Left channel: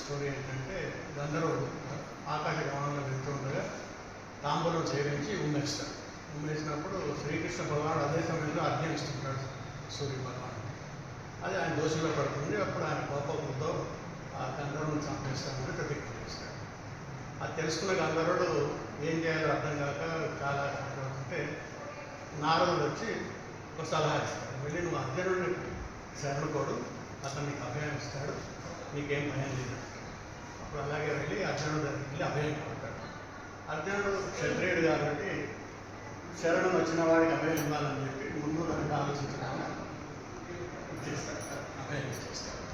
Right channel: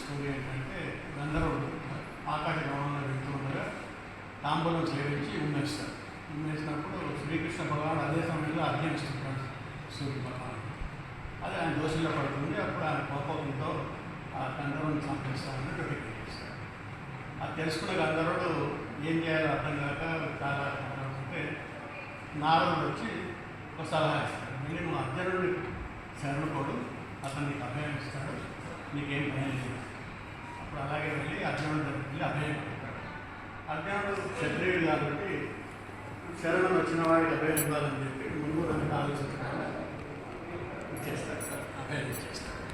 Story ఏంటంటే గంధర్వుడు ఆకాశ గమనంలో వెళ్తూ ఉండగా తాంబూలం సేవించి ఉమ్మేస్తాడు. ఉమ్మేసినప్పుడు శ్రీకృష్ణ భగవానుడు అదే సమయంలో అర్ఘ్యమిస్తుంటాడు సూర్య భగవానుడు. అది ఆయన దోషంలో పడుతుంది. అప్పుడు ఆయన కోపంతో ఆ గంధర్వుని చంపేస్తామని ప్రతిజ్ఞ చేస్తాడు. అది తెలుసుకున్న గంధర్వుడు ఏం చేయాలో అర్థం కాక చాలా అంటే నారదుడు వచ్చి ఒక సలహా ఇస్తాడు. వెళ్ళి నువ్వు అర్జునుడిని శరణుకోడు, అతను నీకు అభయం ఇస్తాడు, నీకేం భయం లేదు. అప్పుడు అలాగే వెళ్ళి అర్జునుడు వెళ్ళి అభయం కొడతాడు. అర్జునుడు క్షత్రియుడు కాబట్టి శరణం వచ్చిన వాడికి అభయం ఇవ్వాలని చెప్పి ముందు దానికి ఆలోచించకుండా ఇచ్చేస్తాడు, అభయం ఇచ్చేస్తాడు.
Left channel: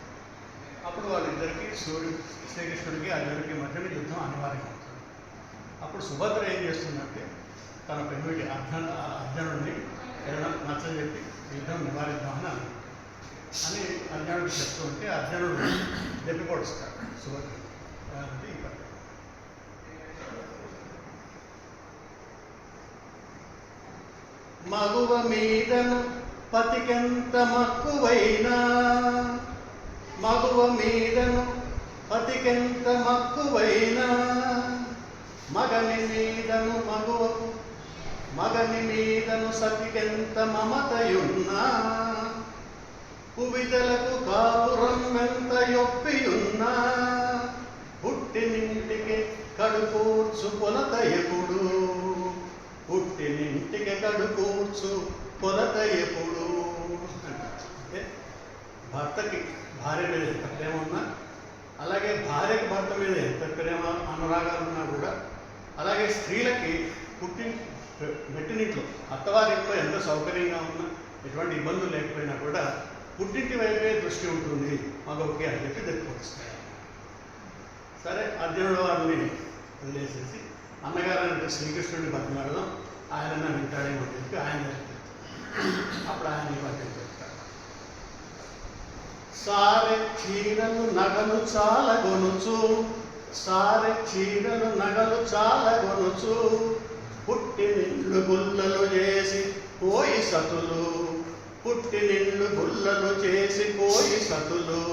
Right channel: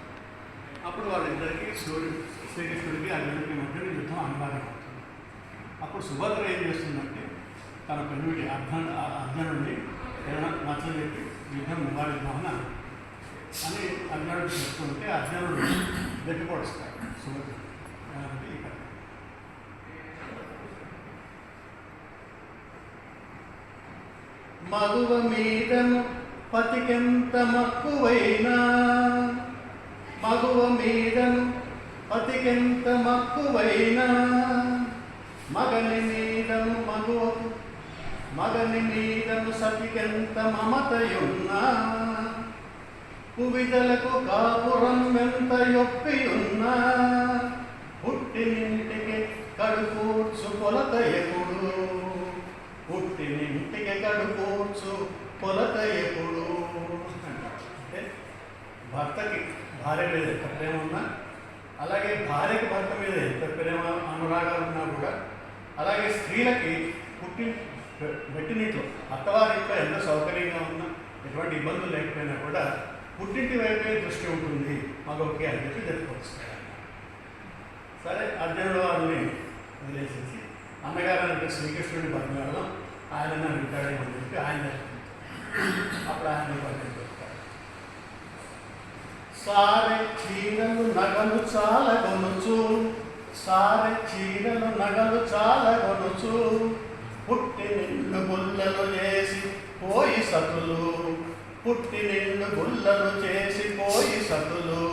అప్పుడు వాళ్ళిద్దరికీ శ్రీకృష్ణుడికి అర్జునుడికి మధ్య యుద్ధం అనివార్యం అవుతుంది. అప్పుడు సుభద్ర ఏం చేస్తుందంటే తన పెన్నుడికి అర్జునుడిని ఏదైనా నచ్చజెప్పి యుద్ధం నివారిద్దామని అని అర్జునుడు చెప్తూ ఉంటే అర్జునుడు దెబ్బకొడుస్తాడు సుభద్ర. ఇక్కడ మగువ మీదను పతికెంత మక్కువైనా, మగువ మీదను పతికెంత మక్కువైనా, మగని మీదను మగువకు మగని మీదను సతికెంత మమతయున్నా, కువితలకు కాపురం ఎంత యొప్పియున్నా, పుట్టినింటికి కడుకూర్చు కొలత ఎప్పుడు, పుట్టినింటికి కడుకూర్చు కొలత ఎప్పుడు. అంటే భర్తకి భార్య మీద ఎంత ప్రేమ ఉన్నా, అలాగే భార్యకి భర్త మీద ఎంత ప్రేమ అనురాగాలు ఉన్నా కూడా, అలాగే స్త్రీలకి మెట్టినింట్లో అత్తవారింట్లో ఎంత సౌకర్యంగా ఉన్నా, ఎటువంటి ఇబ్బందులు లేకపోయినా కూడా పుట్టింటి వైపే దృష్టి ఉంటుంది మగోకి అని చెప్పి తెలియపరుస్తాడు. సరే అర్జునుడు వారిని వదిలేసేసి అన్నగారు అంటే శ్రీకృష్ణుడిని బతిమాడదాం, ఆయన వింటాడేమో అని చెప్పి ఆయన అప్పుడు ఆయన్ని పక్కన పెడతాడు. సారె చీరలు నగలు చాలా కొనుచు, సారె చీరలు నగలు చాలా కొనుచు, పుట్టి నిండు గుల్లలు చేసి పోయి సతులు, పుట్టి నిండు గుల్లలు చేసి పోయి సతులు,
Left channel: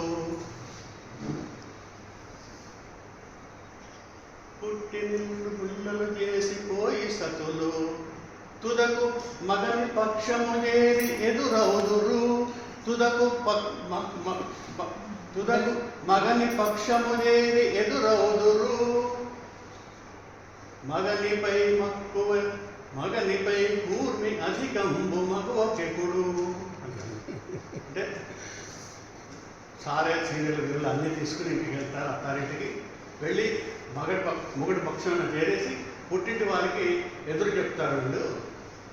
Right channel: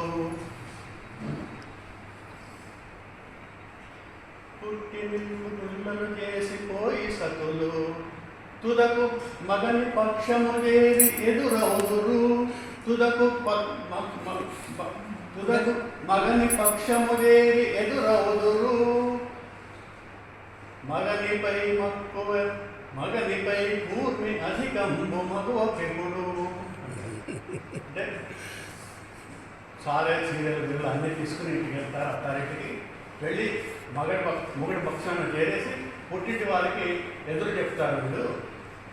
పుట్టి నిండు గుల్లలు చేసి పోయి సతులు, తుదకు మగని పక్షము చేరి ఎదురవుదురు, తుదకు తుదకు మగని పక్షము చేరి ఎదురవుదురు, మగనిపై మక్కువ మగనిపై పూర్ణి అధికంబు మగోకెప్పుడు. అంటే సారే చీరలు వీళ్ళు అన్నీ తీసుకుని ఇంటికి వెళ్తారు. అత్తారింటికి వెళ్ళి మొగుడి పక్షాన్ని చేరేసి పుట్టింటి వాళ్ళకి ఎదురు చెప్తారు వీళ్ళు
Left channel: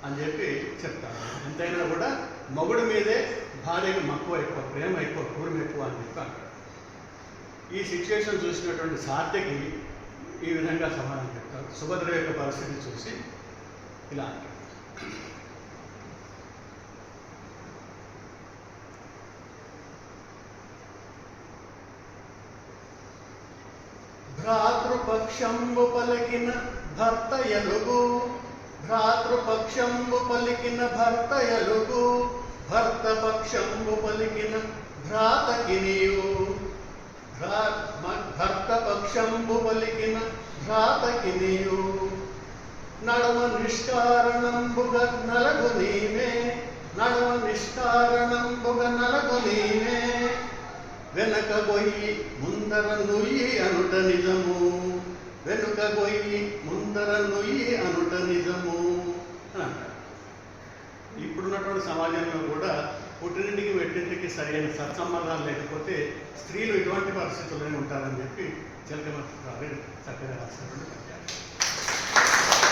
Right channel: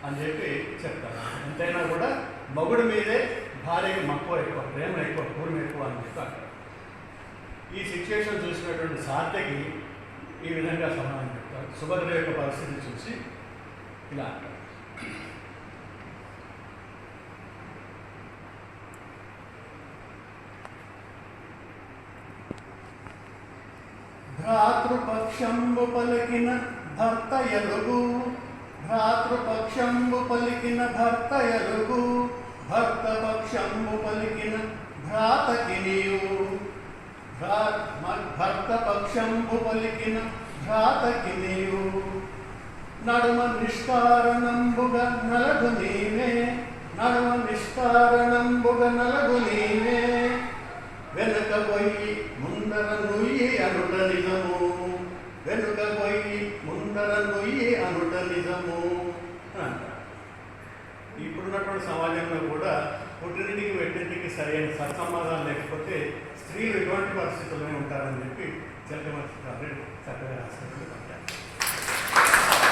అని చెప్పి చెప్తారు. ఎంతైనా కూడా మొగుడు మీదే భార్యకి మక్కువ ఎక్కువ, ప్రేమ ఎక్కువ, పూర్వం ఎక్కువ అని చెప్పి అంటారు. ఈ సిచ్యువేషన్ చూసినటువంటి సాధ్యకి ఈ విధంగా సమాధానం చెప్తారు. సుభద్ర యొక్క పరిస్థితి చూసి ఇలా అంటారు. భ్రాతృపక్షంబు పలికిన భర్త ఎలుగు, భ్రాతృపక్షంబు పలికిన భర్త ఎలుగు, భర్త పక్షంబు పలికిన భ్రాతకి నీవు, భర్త పక్షంబు పలికిన భ్రాతకి నీవు, నడుమ నిష్కారణంబుగ నలగు నీవే, నడుమ నిష్కారణంబుగ నలగు నీవే, వెనుక పోయి ముందర నుయ్యి అనుట నిజము, వెనుక పోయి ముందర నుయ్యి అనుట నిజము అంటారు. ఇప్పుడున్నటువంటి సమాజంలో కూడా పుట్టినింటికి వెట్టింటికి సరైన సత్సంబంధాలు లేకపోతే స్త్రీలు ఎటువంటి పరిస్థితుల్లోనే ఉంటారని చెప్పి చిలకమర్తి చక్కగా రాసినటువంటి